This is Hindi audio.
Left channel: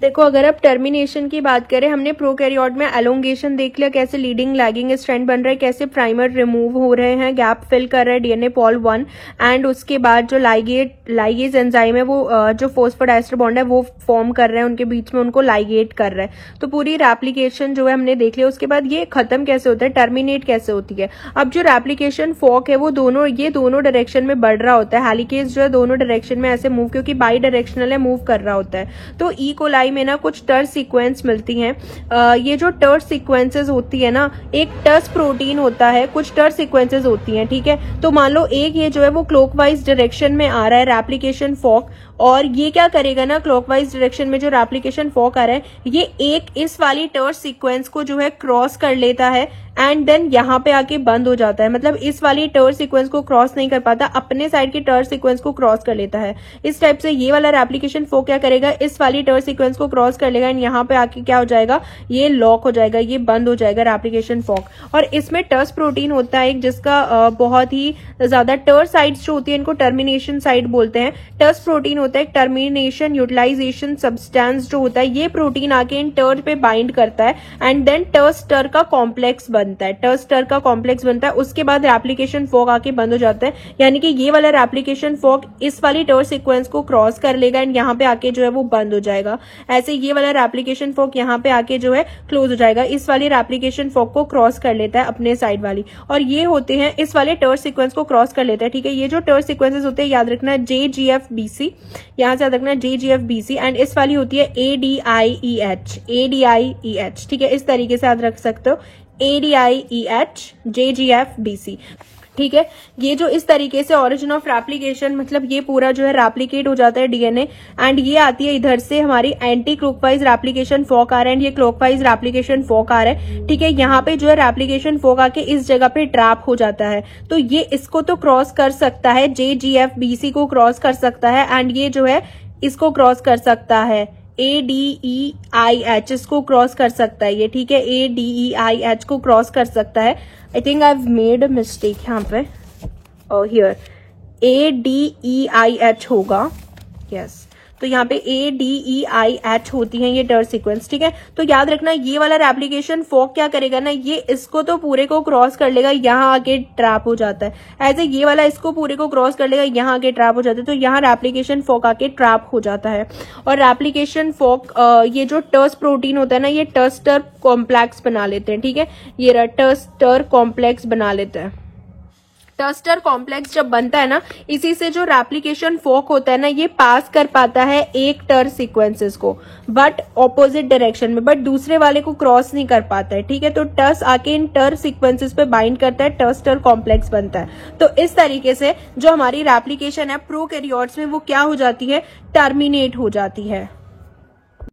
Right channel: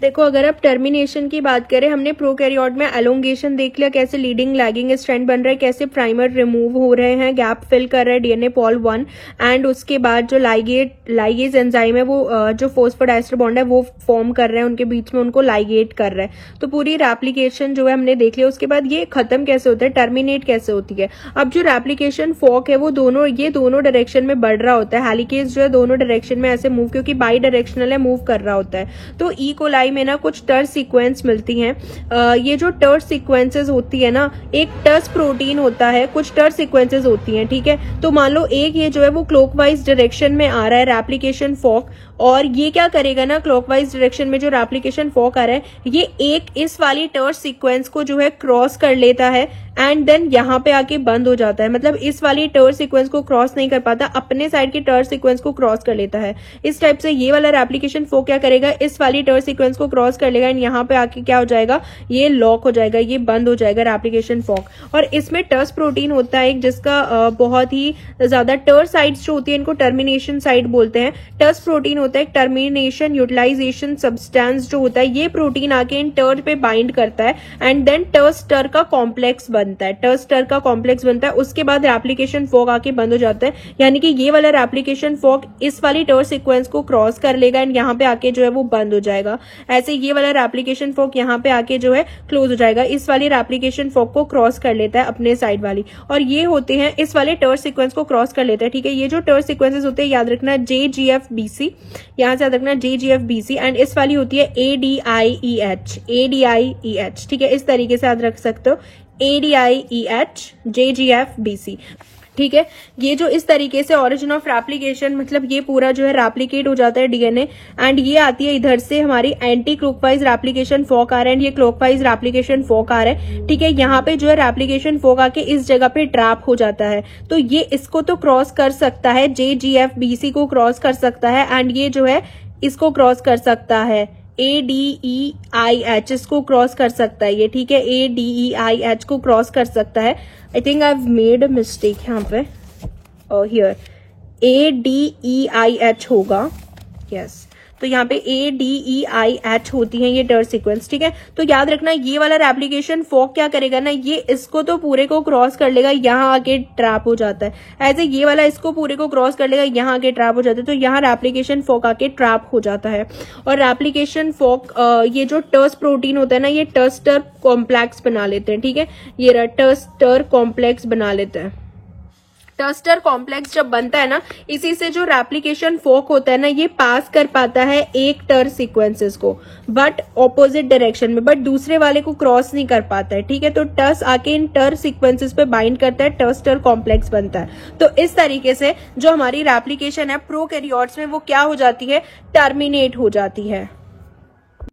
देखो, अगर आप टर्मिनेशन की बात करें, हमने प्रोकैरियोट में एलोंगेशन देख लिया, कैसे लीडिंग लैगिंग स्ट्रैंड बन रहा है, कैसे प्राइमर रिमूव हो रहे हैं, गैप फिल कर रहा है डीएनए पॉल 1, एंड उसके बाद जो लाइगेज एंजाइम है वो जो फॉस्फोडाइस्टर बॉन्ड है वो फॉर्म कर रहे हैं उनके बीच में, उनको लाइगेट कर रहा है। तो पूरी रेप्लिकेशन जो है हमने देख लिया। उसके बाद ये खत्म कैसे होता है, टर्मिनेट कैसे होती है। अब जो रेप्लिकेशन फॉक है वो दोनों डायरेक्शन में बढ़ रहा होता है। हेलिकेज जो है दोनों डायरेक्शन में ऐसे मूव, क्योंकि बाई डायरेक्शनल है, मूव कर रहा होता है। तो ई कोलाई में ना कुछ टर्स सीक्वेंस मिलती हैं। ये जो टर्स सीक्वेंसेस होती है ना, एक टर्स प्रोटीन होता है, कुछ टर्स सीक्वेंसेस होती हैं, ठीक है। तो मान लो एक ये जो है वो क्लॉकवाइज डायरेक्शन में आ रहा है रेप्लिकेशन फॉक, और ये क्या करेगा ना, क्लॉकवाइज डायरेक्शन में जो रेप्लिकेशन फॉक आ रहा है ये एक इस वाली टर्स सीक्वेंस को जो है क्रॉस कर लेता है एंड देन यहाँ पे आके बंद हो जाता है। मतलब इस वाली टर्स सीक्वेंस को क्रॉस नहीं कर पाता, अपने साइड की टर्स सीक्वेंस को क्रॉस कर लेता है। इस टाइप से ये वाला रेप्लिकेशन फॉक क्या करेगा, इस वाली टर्स सीक्वेंस को क्रॉस कर लेगा एंड यहाँ पे आके क्या हो जाएगा, ये लॉक हो जाएगा, ये बंद हो जाएगा रेप्लिकेशन फॉक। और इसमें टर्स प्रोटीन होता है एक, जिसका बहुत ही ज्यादा टर्स साइड्स जो होती है इनको टर्मिनेशन साइड बोलते हैं। टर्स प्रोटीन होता है एक टर्मिनेशन यूटिलाइजेशन सब्सटेंस जो होता है, ये प्रोटीन आके इन टर्स पे बाइंड करता है एंड देन टर्स टर का कॉम्प्लेक्स बनता है, टर्स टर का कॉम्प्लेक्स बनता है। उसके बाद रेप्लिकेशन फॉक आके बंद हो जाता है, यानी कि ये वाला रेप्लिकेशन फॉक इस वाली टर्स सीक्वेंस को क्रॉस कर लेगा एंड यहाँ पे आके जो है वो बंद हो जाएगा। ऐसे ये वाला रेप्लिकेशन फॉक यहाँ पे आके जो है क्लोज हो जाएगा, इस वाली रेप्लिकेशन फॉक को क्रॉस कर लेता है अपने साइड वाली, और ये होते हैं इस वाले टर्स सीक्वेंस को क्रॉस कर लेता है, ठीक है। ये जो टर्स सीक्वेंसेस होते हैं याद रखना JGFBC, यहाँ से याद रखना JGFBC, एंड इस वाली होती है ADIEH, ठीक है। इस तरीके से याद रख सकते हो, ADIEH JGFBC, ठीक है। ये जो इस तरीके से ओरिजिन ऑफ रेप्लिकेशन, मतलब ये पूरा जो है रेप्लिकेट हो जाता है डीएनए, एंड ये आती है इधर से हमारी एंटी क्लॉकवाइज रेप्लिकेशन फॉक आ रहा है, ये क्लॉकवाइज रेप्लिकेशन फॉक आ रहा है, ठीक है। यहाँ पे जो है रेप्लिकेशन फॉक आके इस जगह पे ट्रैप हो जाता है, तो ये इसको तो क्रॉस कर सकता है, JGFBC को क्रॉस कर सकता है, एंड ये जो है इसको क्रॉस कर सकता है, ADEIH इसको क्रॉस कर सकता है ये, ठीक है। ADEIH को क्रॉस कर सकता है। I think I have made a mistake यहाँ पे, हियर ADEIH होगा, यस। तो यहाँ पे ADEIH होती है ये टर्स सीक्वेंस, ठीक है। तो याद रखना ये वाला रेप्लिकेशन फॉक क्या करेगा ना, ये इसको तो पूरे को क्रॉस कर लेगा, यहाँ आके ट्रैप हो जाता है। ऐसे ये वाला इसको पूरे को क्रॉस कर लेगा, यहाँ आके ट्रैप हो जाता है, तो यहाँ रेप्लिकेशन फॉक आके ट्रैप हो जाता है। और रेप्लिकेशन फॉक ये जो टर्स प्रोटीन होता है ना, ये टर्स्टर कॉम्प्लेक्स बना लेते हैं, ठीक है। ये टर्स्टर कॉम्प्लेक्स बना लेते हैं। टर्स्टर कॉम्प्लेक्स जब बनता है ना, इसी से जो रेप्लिकेशन फॉक होता है ना, ये पास कर पाता है एक टर्स सीक्वेंसेस को, बट ऑपोजिट डायरेक्शन में, बट दूसरे वाले को क्रॉस नहीं कर पाता है, ठीक है। तो टर्स आके इन टर्स सीक्वेंसेस पे बाइंड करता है, टर्स्टर कॉम्प्लेक्स बनता है। तो इस तरीके से जो हमारी रेप्लिकेशन है प्रोकैरियोट्स में वो क्या हो जाती है, टर्मिनेट हो जाती है।